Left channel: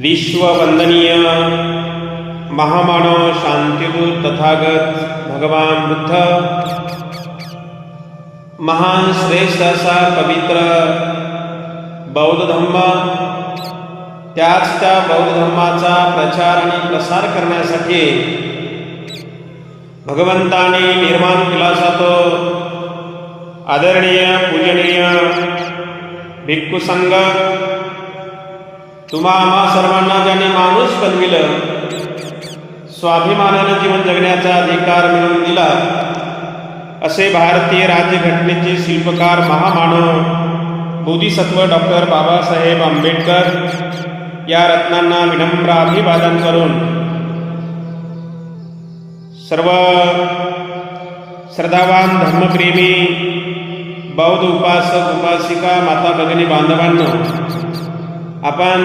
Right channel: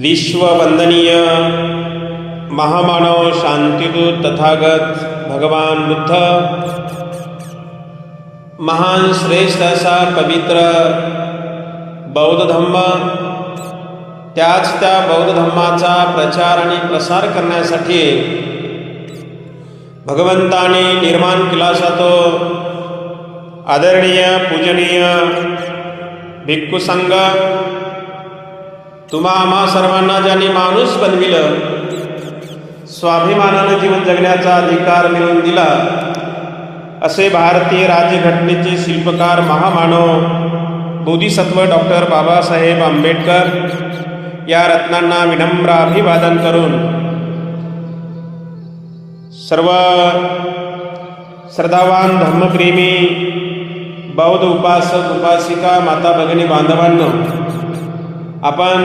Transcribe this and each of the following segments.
विश्ववंदनीय महामानव शांतिदूत तथागत भगवान बुद्ध महान श्रेष्ठ असा पवित्र बौद्ध धम्म त्याच त्या बौद्ध धम्माचा प्रचार आणि प्रसार करण्यासाठी भगवंताने निर्माण केला जातो. तो आदरणीय पूजनीय भिक्खू संघ तुम्हा आम्हा सर्वांना ज्याने माणूस बनविलं स्वाभिमानाने जीवन जगण्याचा अधिकार मिळवून दिला असे भारतीय राज्यघटनेचे शिल्पकार महामानव बोधिसत्व डॉक्टर बाबासाहेब आंबेडकर या रत्नांना विनम्र अभिवादन करून सर्व श्रद्धावान धर्मप्रेमी बौद्ध उपासक उपासिका माता भगिनी बांधवांना आपण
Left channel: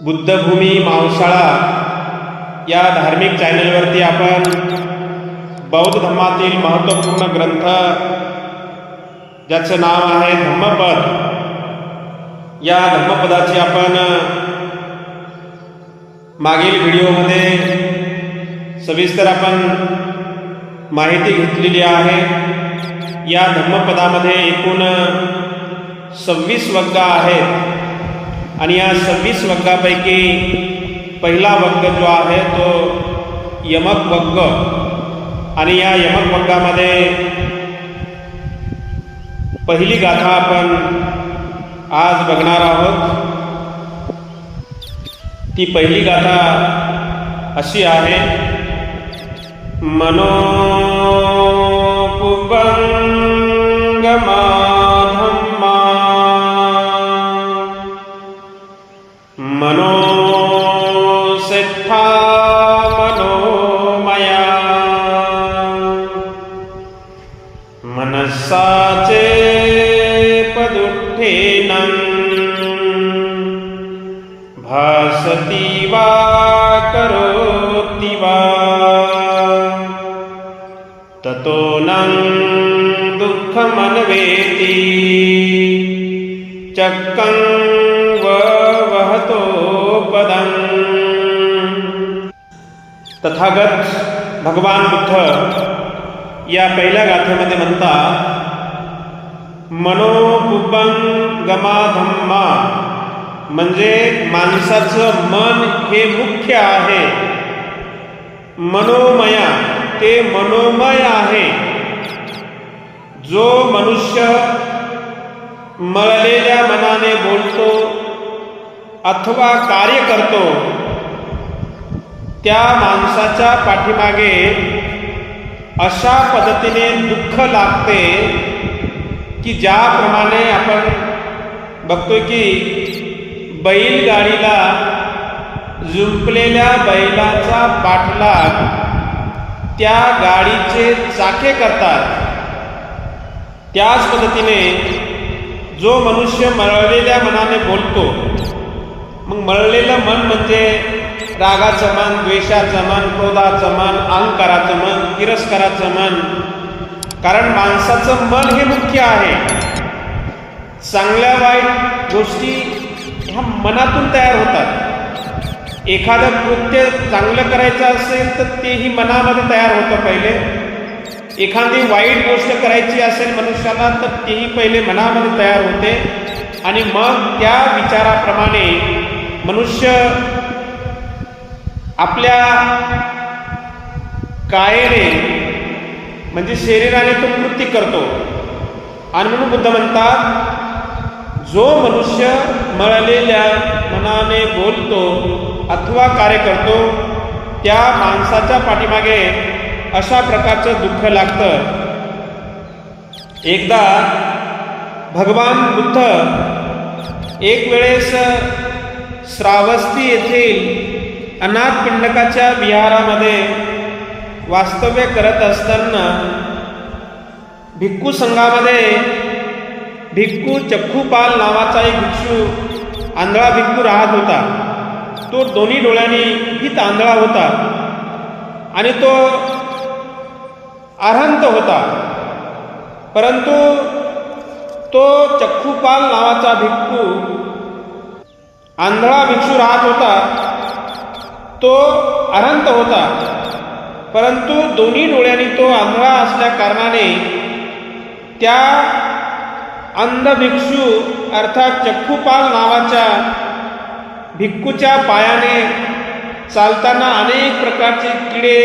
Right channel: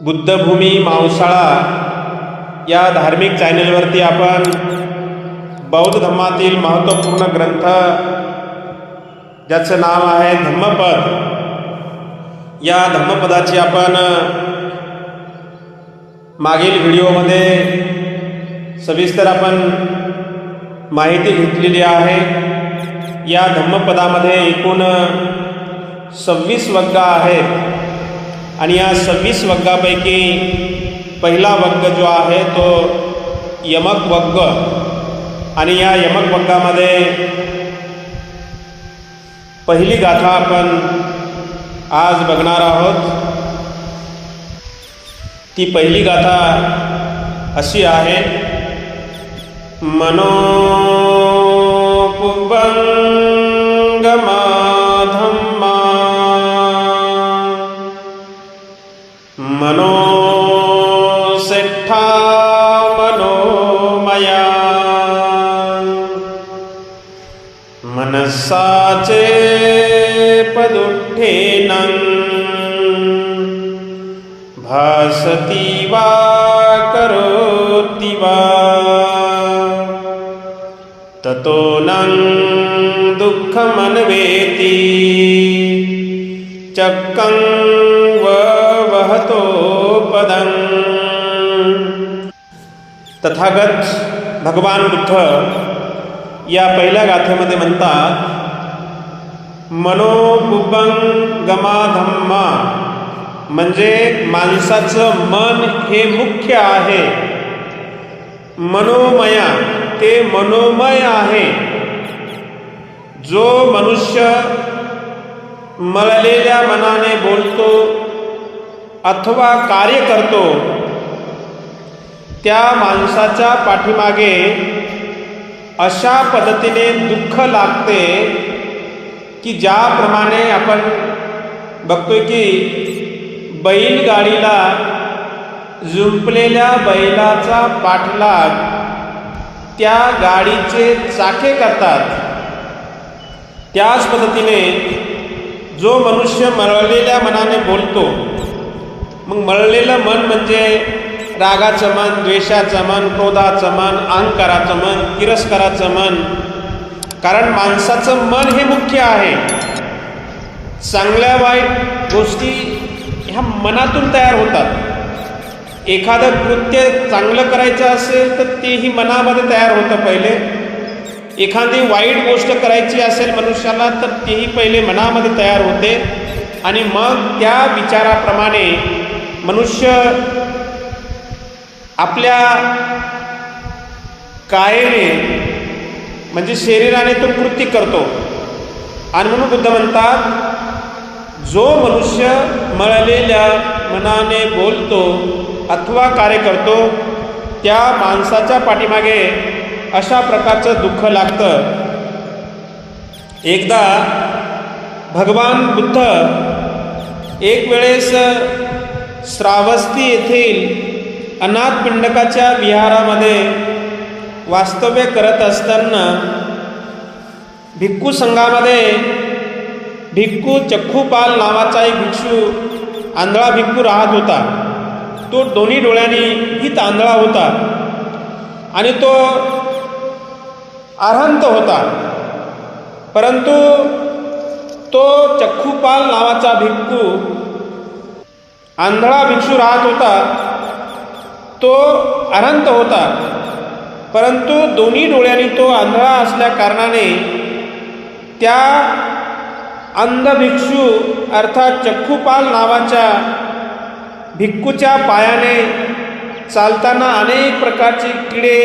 बुद्धभूमी मावसाळा या धार्मिक चॅनेलवरती आपण बौद्ध धर्मातील महत्त्वपूर्ण ग्रंथ ज्याचं नाव आहे धम्मपद या धम्मपदाची आपण मागील व्हिडिओमध्ये सविस्तर आपण माहिती घेतलेली आहे. या धम्मपदामध्ये एकूण सव्वीस वग्गा आहेत आणि या सव्वीस वग्गापैकी पहिला वग्ग जो आहे तो यमक वग्ग. आणि या यमक वग्गामध्ये पहिली गाथा आपण आज बघणार आहोत. ती पहिली गाथा अशी आहे. मनोपुबंगमाधम्मा मनसाचे पदुठेन भासती वा करोति वा। ततो न दुःखमन्वेति। चक्कं वहतो पदम्। तथागत भगवान बुद्ध या पहिल्या गाथेमध्ये म्हणतात मनोबुबंगमाधम्मा म्हणजे माणसाचं मन हे मुख्य आहे. मनोमया ते मनोमय आहे. जो मनुष्य मळलेल्या मनाने बोलतो अथवा कार्य करतो त्या माणसाच्या पाठीमागे अशा पद्धतीने दुःख लागते की ज्याप्रमाणे आपण बघतोय की बैलगाडीला जुंपलेल्या बैलाचा पाठलाग त्या गाडीचे चाके करतात. त्याच पद्धतीने जो मनुष्य मळलेल्या मनाने बोलतो मग मळलेलं मन म्हणजे रागाचं मन द्वेषाचं मन क्रोधाचं मन अहंकाराचं मन तिरस्काराचं मन. कारण माणसाचं मन हे मुख्य आहे. चांगल्या वाईट गोष्टी ह्या मनातून तयार होतात. एखादं कृत्य चांगलं करायचं असेल तर तेही मनामध्ये तयार होतं पहिले. एखादी वाईट गोष्ट करायची असेल मनुष्याला तर तेही पहिले मनामध्ये तयार होते. आणि मग त्या विचाराप्रमाणे मनुष्य आपल्या कायेने म्हणजे शरीराने तो कृती करतो. आणि म्हणून बुद्ध म्हणतात जो मनुष्य मळलेल्या मनाने बोलतो अथवा कार्य करतो त्या माणसाच्या पाठीमागे अशा प्रकारचं दुःख लागतं. एकदा भगवान बुद्ध एक वेळेस श्रावस्ती येथील अनाथ पिंडकाच्या विहारामध्ये वास्तव्य करत असताना भिक्खू संघामध्ये भिक्खू चक्खूपाल नावाचा एक भिक्षू आंधळा भिक्खू राहत होता. तो दोन्ही डोळ्यांनी ही तांदळा होता आणि तो अरहंत होता. परंतु तो चक्खूपाल नावाचा भिक्खू आंधळा भिक्षू राहत होता. तो अनंत होता. परंतु दोन्ही डोळ्यांनी तो आंधळा असल्या कारणाने त्या अंधभिक्षू अर्थात चक्खुपाल नावाच्या भिक्खूच्या पायाने चालताना अनेक प्रकारचे किडे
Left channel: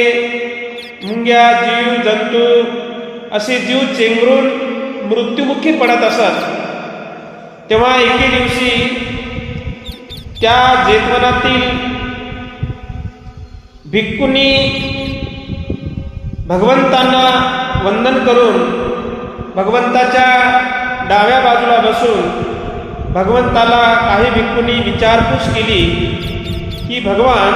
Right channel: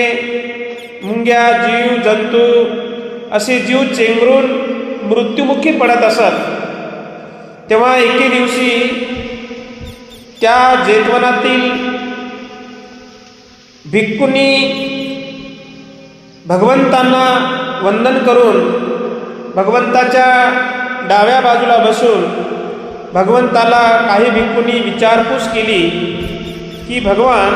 मुंग्या जीव जंतू असे जीव चेंगरून मृत्युमुखी पडत असत. तेव्हा एके दिवशी त्या जेतवनातील भिक्खूंनी भगवंतांना वंदन करून भगवंताच्या डाव्या बाजूला बसून भगवंताला काही भिक्खूंनी विचारपूस केली की भगवान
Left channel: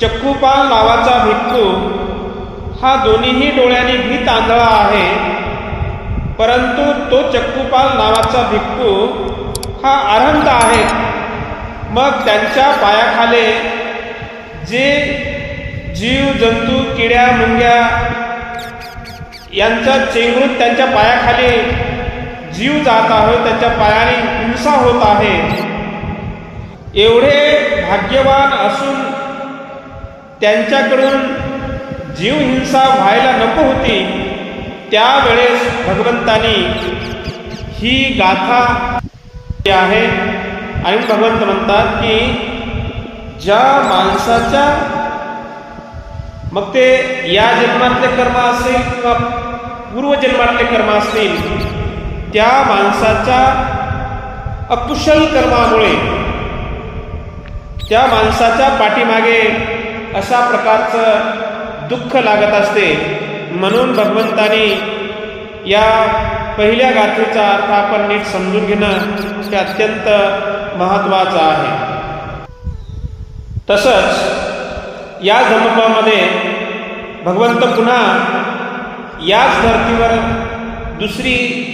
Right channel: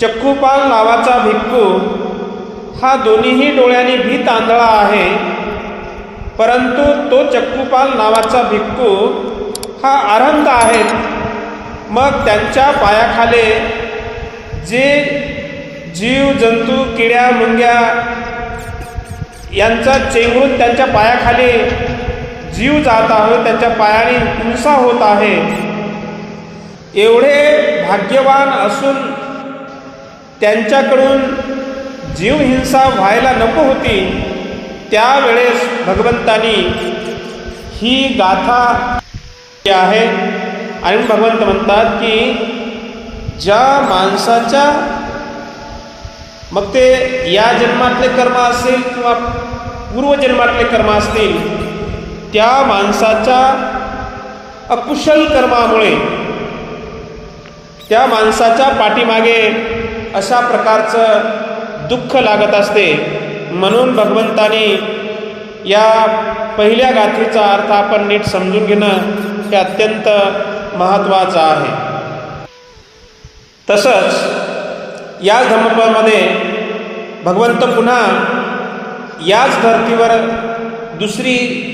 चक्कूपाल नावाचा भिक्खू हा दोन्हीही डोळ्यांनी भीत आंधळा आहे परंतु तो चक्कूपाल नावाचा भिक्खू हा आरंत आहे मग त्यांच्या पायाखाले जे जीव जंतू किड्या मुंग्या यांचा चेंगरून त्यांच्या पायाखाली जीव जात आहे त्यांच्या पायाने हिंसा होत आहे. एवढे भाग्यवान असून त्यांच्याकडून जीव हिंसा व्हायला नको होती. त्यावेळेस भगवंतानी ही गाथा आहे. आणि भगवंत म्हणतात की ज्या माणसाच्या मग ते या जन्मातले कर्म असेल किंवा पूर्वजन्मातले कर्म असतील त्या माणसाच्या अकुशल कर्मामुळे त्या माणसाच्या पाठीमागे अशा प्रकारचं दुःख लागत असते. म्हणून भगवंतानी या पहिल्या गाथेचा अर्थ आपण नीट समजून घेणं हे अत्यंत महत्त्वाचं आहे. तसंच याच धर्मपामध्ये भगवंत पुन्हा याच धर्तीवर दुसरी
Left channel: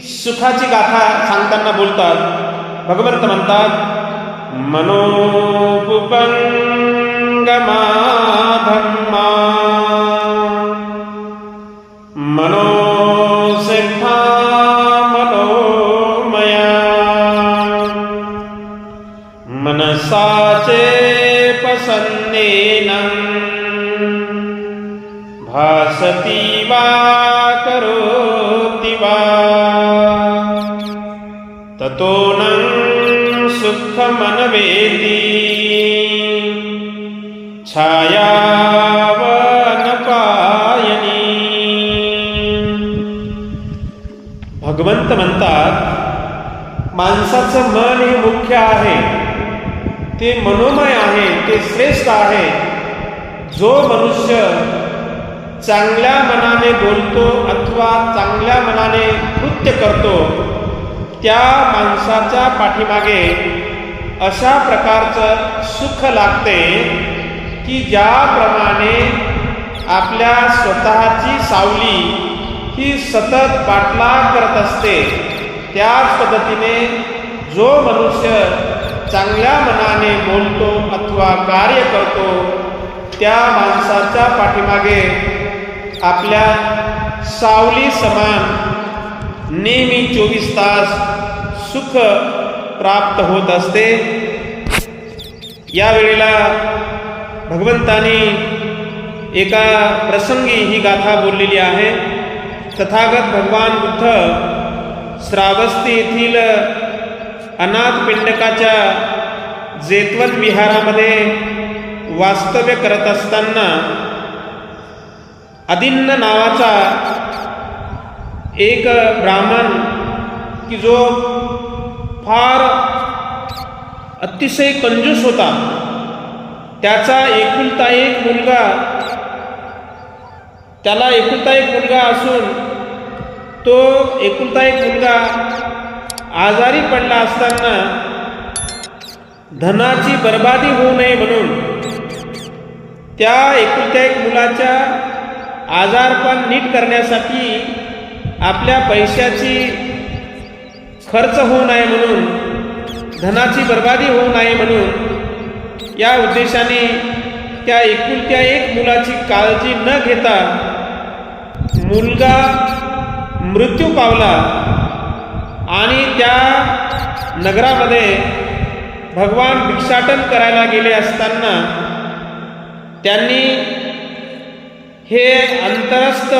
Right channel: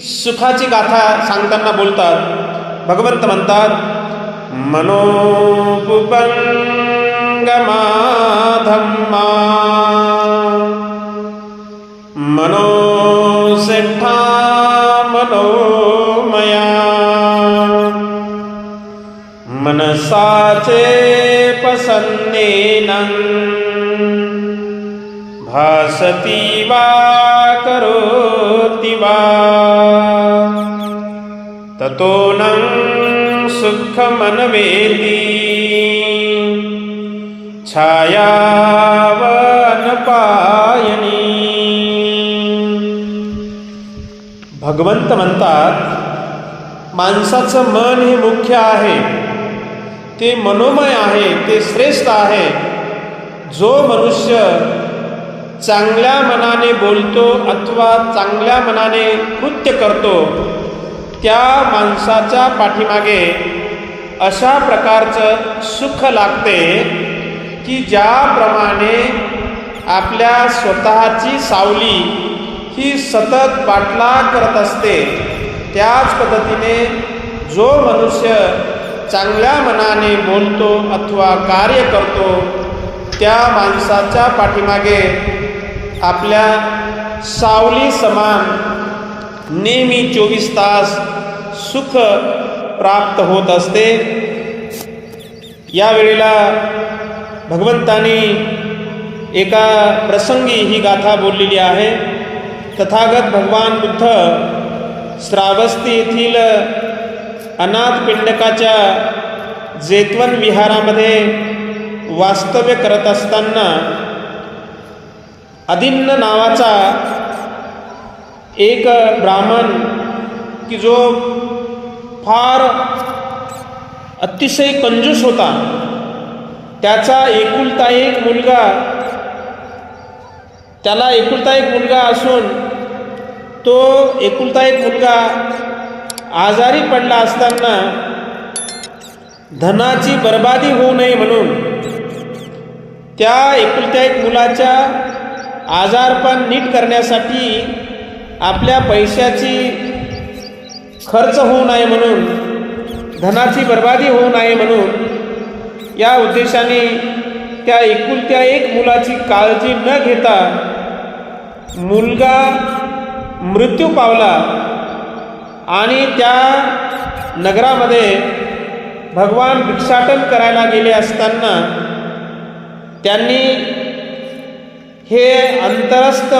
सुखाची गाथा सांगताना बोलतात. भगवंत म्हणतात मनोपुपंगमाधम्मा. मनो पसन्नेन भासति वा करोति वा। ततो न सुखमनवेदी छायावनपायनी। भगवंत म्हणतात माणसाचं मन हे मुख्य आहे. ते मनोमय आहे ते श्रेष्ठ आहे. जो मनुष्य चांगल्या मनाने बोलतो अथवा चांगल्या मनाने कृत्य करतो त्या माणसाच्या पाठीमागे अशा प्रकारचं सुख लागते की ज्याप्रमाणे आपल्या स्वतःची सावली ही सतत पाठला करत असते. त्याच पद्धतीने जो मनुष्य चांगल्या मनाने बोलतो अथवा कार्य करतो त्या माणसाच्या पाठीमागे आपल्या सावली समान नेहमी चोवीस तास सुख प्राप्त होत असते. यावेळेला भगवंतानी एका प्रसंगी ही गाथा बोललेली आहे. तथागत भगवान बुद्ध श्रावस्ती येथील अनाथ पिंडकाच्या जेतवन विहारामध्ये वास्तव्य करत असताना अदिन्न नावाचा एक ब्राह्मण की जो फार अतिशय कंजूस होता त्याचा एकुलता एक मुलगा त्याला एकुलता एक मुलगा असून तो एकुलता एक मुलगा आजारी पडला असताना धनाची बर्बादी होऊ नये म्हणून त्या एकुलत्या एक मुलाच्या आजारपण नीट करण्यासाठी आपल्या पैशाची खर्च होऊ नये म्हणून धनाची बर्बादी होऊ नये म्हणून या उद्देशाने त्या एकुलत्या एक मुलाची काळजी न घेता मुलगा मृत्यू पावला. आणि त्या नगरामध्ये भगवान भिक्षाटन करायला गेले असताना त्यांनी हे अंतरस्थ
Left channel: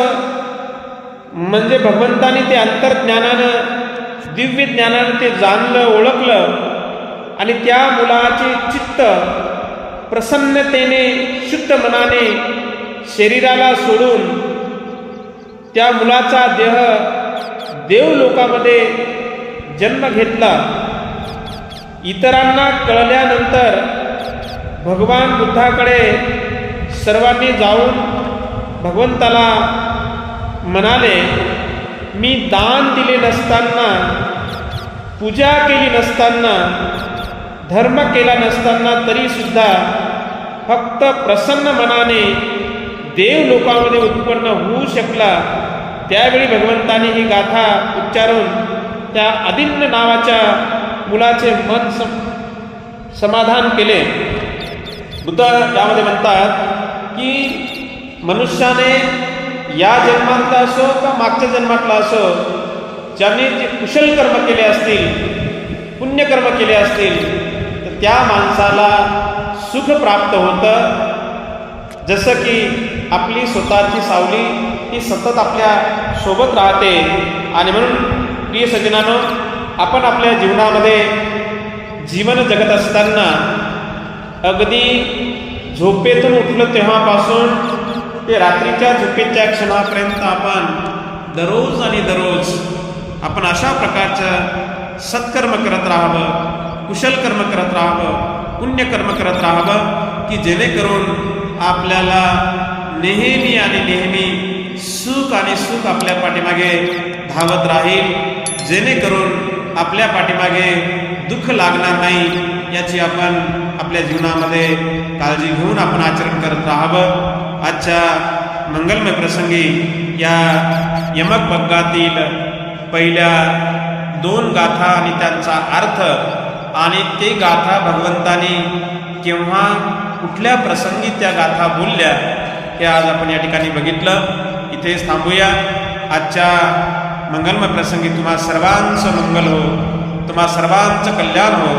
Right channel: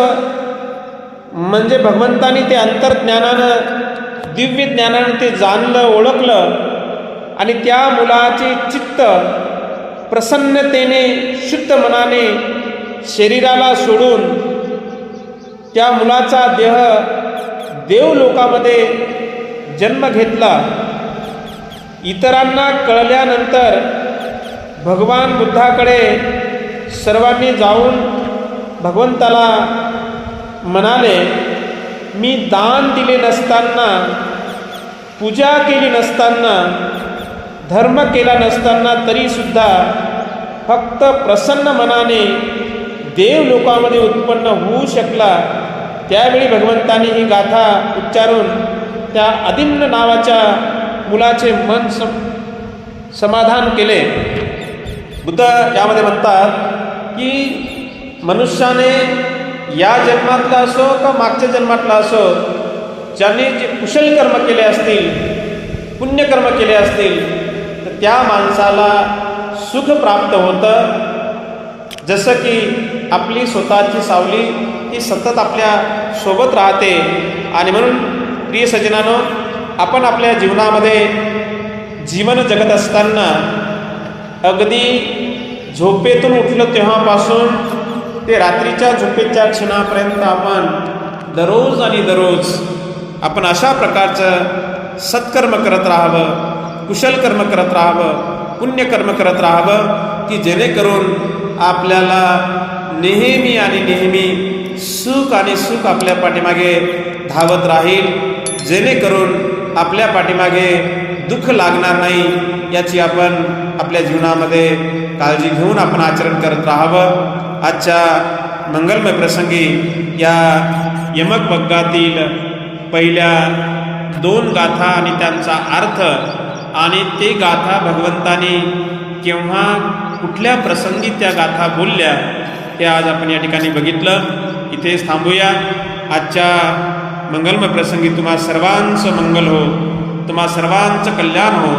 म्हणजे भगवंतानी ते अंतर्ज्ञानानं दिव्य ज्ञानानं ते जाणलं ओळखलं आणि त्या मुलाचे चित्त प्रसन्नतेने शुद्ध मनाने शरीराला सोडून त्या मुलाचा देह देव लोकामध्ये जन्म घेतला. इतरांना कळल्यानंतर भगवान बुद्धाकडे सर्वांनी जाऊन भगवंताला म्हणाले मी दान दिले नसताना पूजा केली नसताना धर्म केला नसताना तरीसुद्धा फक्त प्रसन्न मनाने देव लोकांमध्ये उत्पन्न होऊ शकला. त्यावेळी भगवंतानी ही गाथा उच्चारून त्या अदिन्न नावाच्या मुलाचे मन सम समाधान केले. बुद्ध यामध्ये म्हणतात की मनुष्याने या जन्मातला असो किंवा मागच्या जन्मातला असो ज्यांनी जे कुशल कर्म केले असतील पुण्यकर्म केले असतील तर त्या माणसाला सुख प्राप्त होतं. जसं की आपली स्वतःची सावली ती सतत आपल्यासोबत राहते. आणि म्हणून प्रिय सजनानो आपण आपल्या जीवनामध्ये जीवन जगत असताना अगदी झोपेतून उठलं तेव्हापासून ते रात्रीच्या झोपेच्या क्षणापर्यंत आपण दररोज आणि दररोज आपण अशा प्रकारचं सत्कर्म करत राहावं कुशल कर्म करत राहावं पुण्यकर्म करत राहावं की जेणेकरून आपल्याला नेहमी आणि नेहमी सुख आणि सुख आपल्या पाठीमागे धावत राहील. जेणेकरून आपल्या पाठीमागे दुःख लागणार नाही याची आपण आपल्या जीवनामध्ये काळजी घेऊन आपण आचरण करत राहावं. आजच्या मंगलमय प्रसंगी या यमक बग्गातील पहिल्या दोन गाथा आणि त्यांचा अर्थ आणि ते गाथा भगवंतानी केव्हा कुठल्या प्रसंगी त्या गाथा बोलल्या हे आज आपण या ठिकाणी बघितलं. इथेच थांबूया. आजच्या मंगलमय प्रसंगी तुम्हा सर्वांचं मंगल हो तुम्हा सर्वांचं कल्याण हो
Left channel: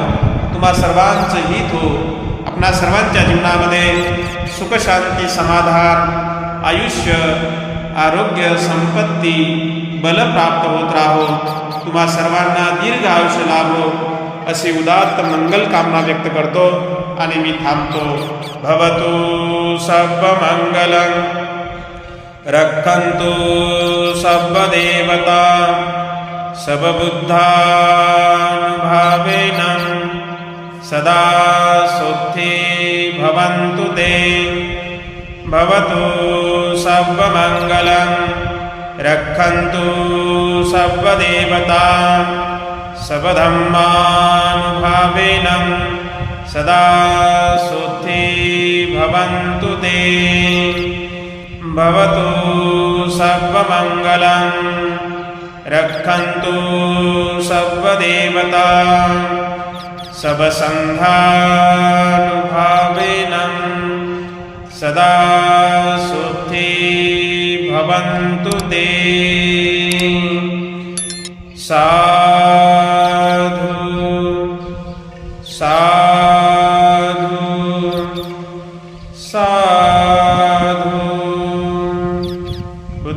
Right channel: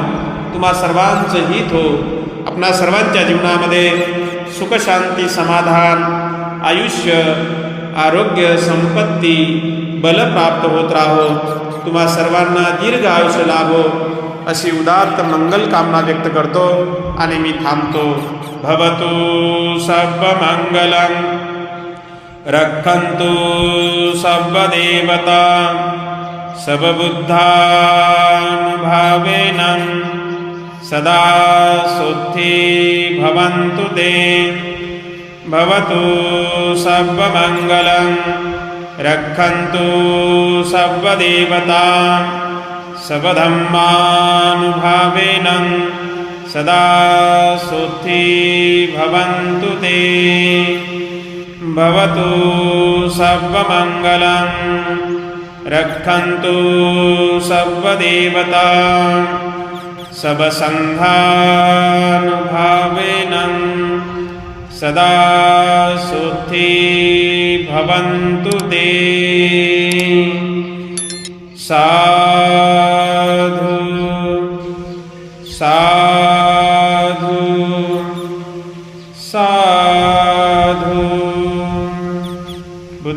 तुम्हा सर्वांचं हित हो. आपणा सर्वांच्या जीवनामध्ये सुख शांती समाधान आयुष्य आरोग्य संपत्ती बल प्राप्त होत राहो. तुम्हा सर्वांना दीर्घ आयुष्य लाभो. अशी उदात्त मंगल कामना व्यक्त करतो आणि मी थांबतो. भवतु सर्वमंगलं रक्षन्तु सर्वदेवता सबबुद्धानुभावेन सदा शुद्धि भवन्तु ते। भवतु सर्वमङ्गलं। रक्षन्तु सर्वदेवता सबधम्मानुभावेन सदा शुद्धि भवन्तु ते भवतु सर्वमङ्गलं। रक्षन्तु सर्वदेवता। सबसङ्घानुभावेन सदा शुद्धि भवन्तु ते। साधु साधु